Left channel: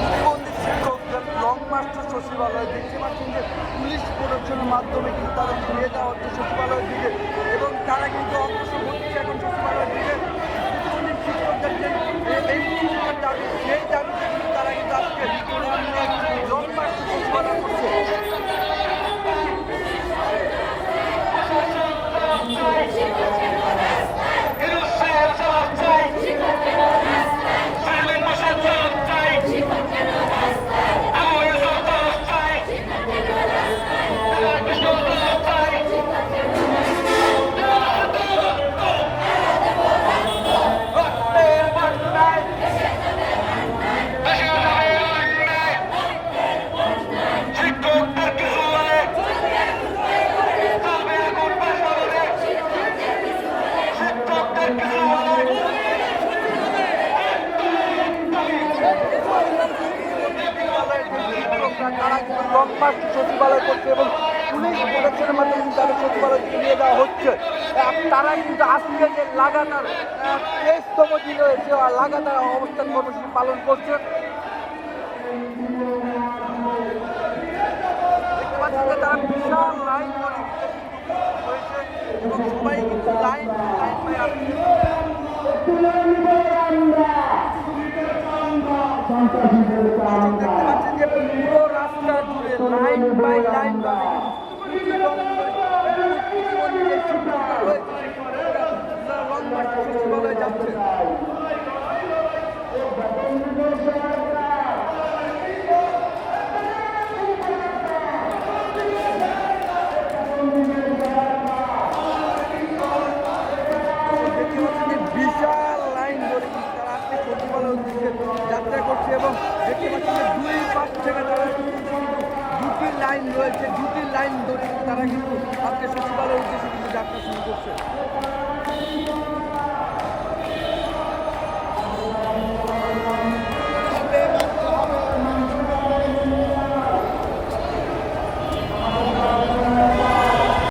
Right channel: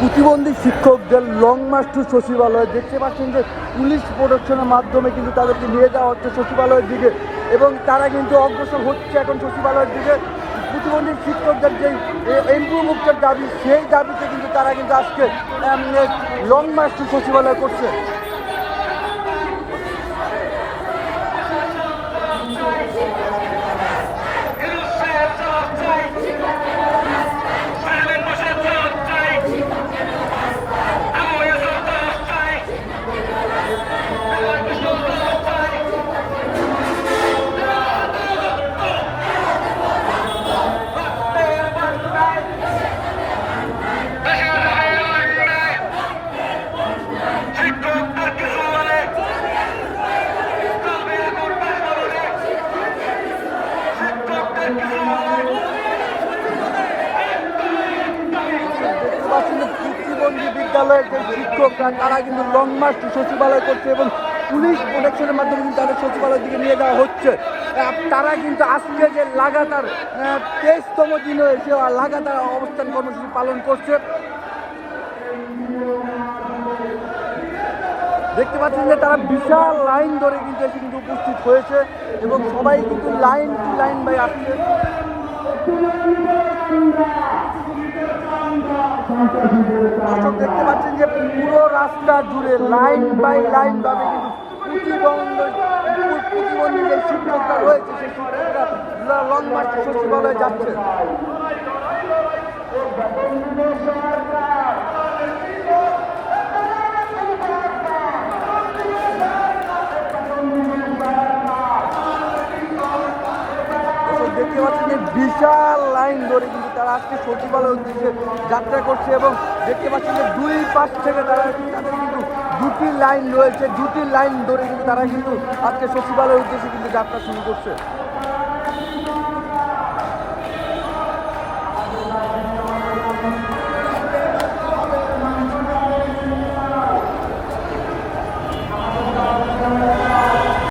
প্রতিবন্ধী শিক্ষকদের লং মার্চটি সচিবালয়, দেখতে পাচ্ছেন যে পুলিশ প্রোটেকশনের মাধ্যমে কিন্তু তাদেরকে নিয়ে যাওয়া হচ্ছে সচিবালয়ের দিকে। এবং তারা কিন্তু অগ্রসর হচ্ছে এখন সচিবালয়ের দিকে। প্রতিবন্ধী শিক্ষকদের যে এমপি মুক্তের দাবি, সেই দাবিতে কিন্তু তারা কিন্তু আজকে লং মার্চ টু সচিবালয় করছে। বিদ্যালয়ের শিক্ষকরা তারা কিন্তু এবং পুলিশ প্রোটেকশনের মাধ্যমে তাদের সচিবালয় থেকে নিয়ে যাওয়া হচ্ছে তারা কিন্তু আজকে যে লাগাতার তেইশতম দিনে এসে ওরা লাগাতার অবস্থান কর্মসূচি পালন করছে দেখতে পাচ্ছেন যে তারা বিশাল লাইন ধরে কিন্তু এখানে উপস্থিত হয়েছে এবং সবাই কিন্তু লাইন লাইন দেখতে পাচ্ছেন যে পুরো রাস্তা জুড়ে লাইন বাই লাইন ভাবে কিন্তু লং মার্চ সচিবালয়ে যাচ্ছে দেখতে পাচ্ছেন যে বিশাল লাইন ধরে কিন্তু তারা আজকে সচিবালয় উদ্দেশ্যে যাত্রা করছে এবং দেখতে পাচ্ছেন যে দুই পাশ থেকে তারা কিন্তু দুটি লাইন রয়েছে, দুটি লাইন ধরে কিন্তু তারা কিন্তু আজকে সচিবালয় উদ্দেশ্যে কিন্তু যাত্রা শুরু করছে।